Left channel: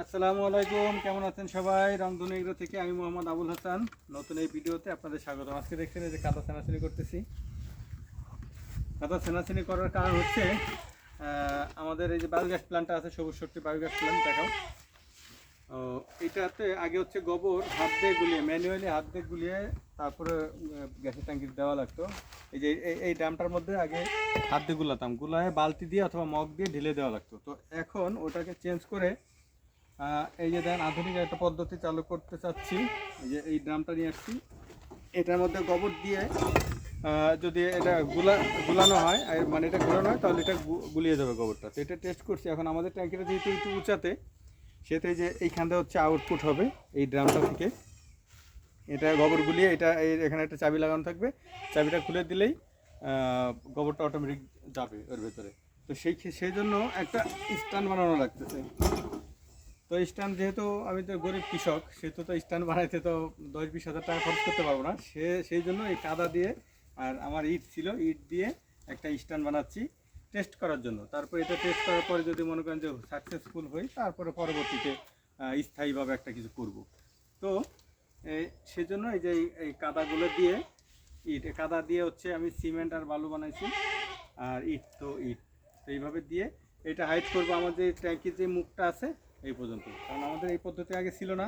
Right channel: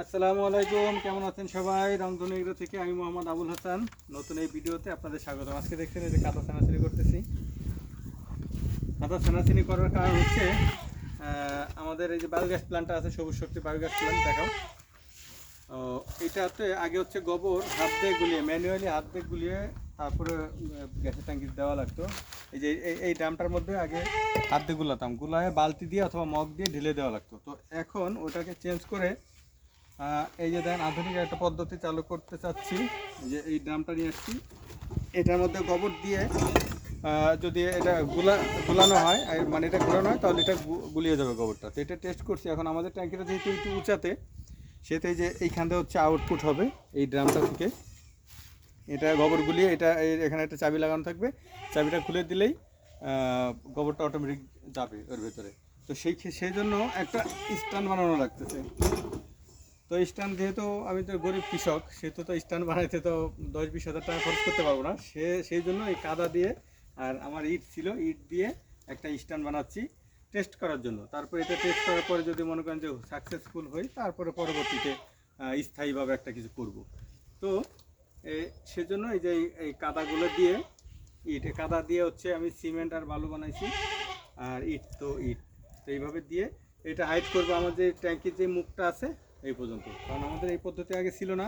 আসসালামু আলাইকুম, কেমন আছেন সবাই? রংধনু এগ্রো থেকে আমি মোহাম্মদ আবুল হাসান। নতুন এই ভিডিওতে আপনাদের স্বাগতম। আজকে দেখছেন এই যে কাদা ছানাছানি করতেছি। কাদা ছানাছানি করার কারণ হচ্ছে আমাদের এই যে বায়োগ্যাস প্ল্যান্টটা আছে, সবুজ শক্তি বায়োগ্যাস প্ল্যান্ট, দেখো। এটাতে আগে হচ্ছে গোবর হাত দিয়ে গুলিয়ে, ম্যানুয়ালি হাত দিয়ে গুলিয়ে তারপরে গ্যাসের ট্যাঙ্কিতে দেওয়া লাগতো। এই যে এই ড্রামটার মধ্যে আগে হাত দিয়ে গুলাতাম, গুলায় বালতি দিয়ে অথবা মগ দিয়ে ঢেলে দেওয়া লাগতো। তো এখন ওটাকে চেঞ্জ করে এই যে দেখেন আধুনিক একটা পদ্ধতি চালু করতে চাচ্ছি। এই যে এই ড্রামটা নিয়ে আসছি, এটার মধ্যে গোবর দিয়ে যদি এটা গুলানো হয়, মানে এটা গুলানো হয় তাহলে এটা গুলিয়ে যাবে গোবরটা। তো এটা টেস্ট করছি। এখন আমাদের ট্যাঙ্কিটা যেহেতু একটু উঁচাতে, সেহেতু এই যে এইখানটা হচ্ছে আউটপুট হবে এই ড্রামটা থেকে। এটা গোবর গুলিয়ে এটা এখানে একটা চাবি লাগানো থাকবে, চাবিটা খুলে দিলেই গোবরটা অটোমেটিক যাবে ওর ভেতরে। তো সেই জন্য একটা স্ট্যান্ড বানানো লাগতেছে। তো স্ট্যান্ড, যেহেতু আমি তো গরিব কৃষক, সেহেতু তো স্ট্যান্ড বানাইতে তো 10-20 হাজার টাকা খরচ করতে পারবো না। সেই জন্য এই কাদা দিয়ে আর আমার ইট ছিল, ইট দিয়ে একটা স্ট্যান্ড বানাচ্ছি টেস্ট করার জন্য। তারপর এটা টেস্ট করার পরে যদি মনে করেন যে সাকসেসফুল হই, তারপরে পরবর্তীতে স্থায়ীভাবে একটা কিছু করব। তো সেজন্য এই যে এই কাদাগুলো দিয়ে, কাদা দিয়ে হচ্ছে আমি সিমেন্ট আর বালু বানাইছি, আর ইট তো এইভাবে দিয়ে এটা হাইট করবো। আমাদের ট্যাঙ্কির যে মুখটা আছে এই পর্যন্ত, কারণ আমাদের এই পদ্ধতি আগে ছিল না,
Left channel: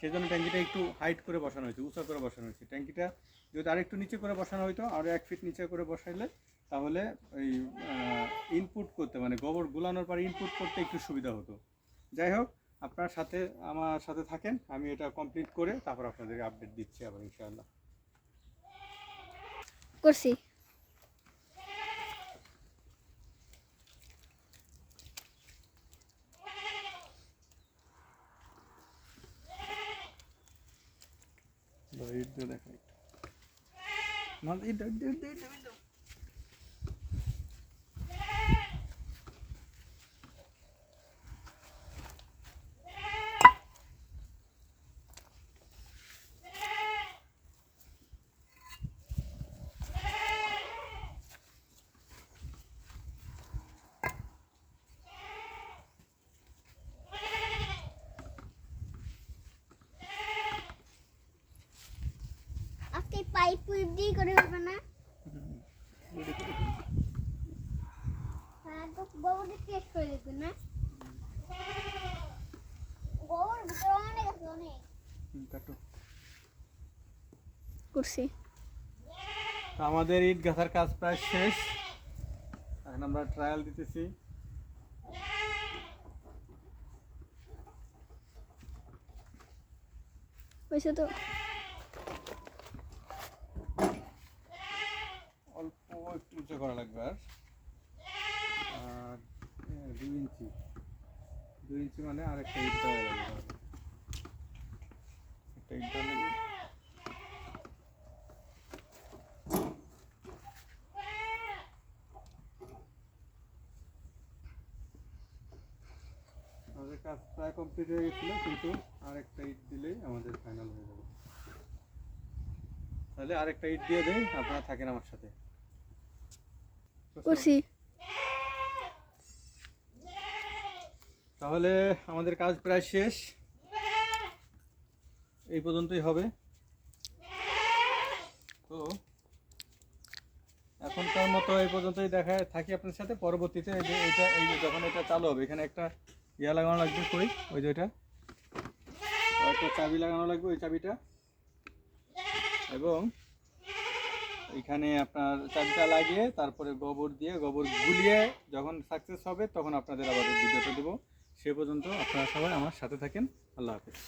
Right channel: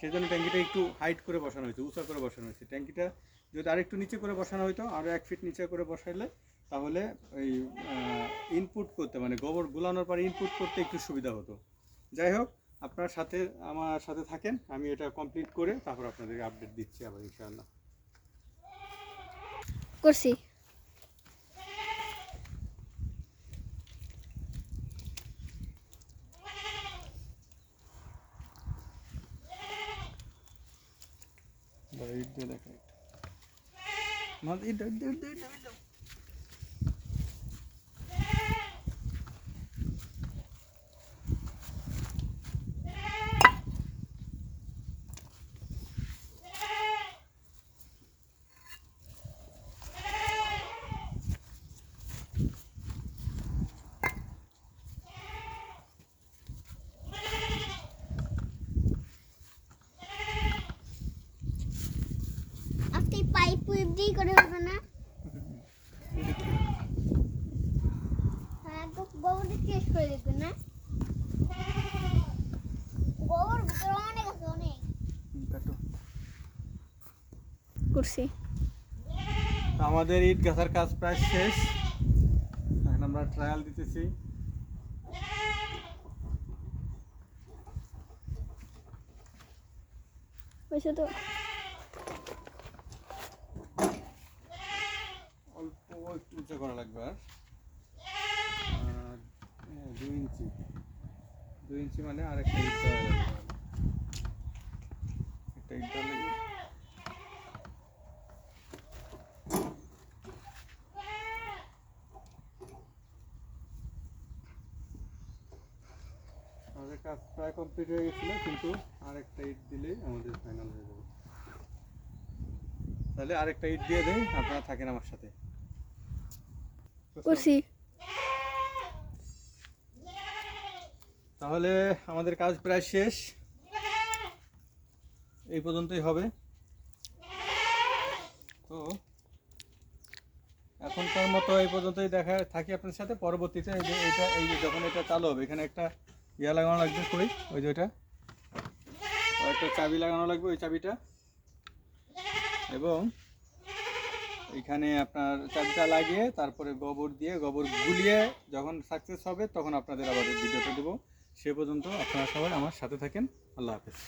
সেই জন্য ট্যাঙ্কিটা একটু হাইট করে বসানো হয়েছে, উঁচা করে বসানো হয়েছে। ট্যাঙ্কিটা যদি আরেকটু নিচে করে বসানো হতো, আরও 1 ফিট নিচে করে বসাইলে, তাহলে ওই ইনপুট করতে, মানে গোবর গুলানোর পরে ইনপুট করতে একটু সুবিধা হতো। যাই হোক, আপনার সাথে আমার সাথে থাকেন, আমি এটা কমপ্লিট করে তারপর আপনাদেরকে আপডেট দিচ্ছি আবার ইনশাআল্লাহ। করছি। ইট দিয়ে দেখা একটু আজকে পাইপ পুইপ দিয়ে করে হবে না? হ্যাঁ, তো গোবরটা টেস্ট করে দেখবেন না? গোবর ভিতরে অনেক আছে, অনেক। করছি। আমাদের ইট গাথার কাজ প্রায় শেষ, এখন আমরা ট্রায়াল দিতেছি। হয়েছে তো? অল্প একটু উঁচু করা লাগবে, আর 2 ইঞ্চি মানে আর একটা ইট দেওয়া লাগবে, একটা ইট দেওয়া লাগবে। আমাদের কাজ প্রায় কমপ্লিট হয়ে গেছিলো, কিন্তু আরেকটা ইট দিলেই আমাদের ফাইনাল হয়ে যাবে। তাহলে আরেকটা ইট দিয়ে দেই, আপনারা থাকেন আমার সাথে। করছি। তাহলে আমাদের কাজ প্রায় শেষ, এই পর্যন্তই হবে। তো এখনকার মতো এই পর্যন্তই দেখা থাকি আপনার সাথে। পরবর্তীতে এই যে যখন এটা চালু হবে, এখানে একটা লাগানো লাগবে, ওই যে ওইটা একটা চাবি লাগানো লাগবে, ওই চাবিটা। এবং এখানে আপনার চাবিটা লাগিয়ে তারপরে গোবর গুলিয়ে যখন সাকসেস হবে, তখন আপনাদের আবার ভিডিওটা দেবো। সে পর্যন্ত আপনারা সবাই আমার সাথে থাকেন। আল্লাহ হাফেজ।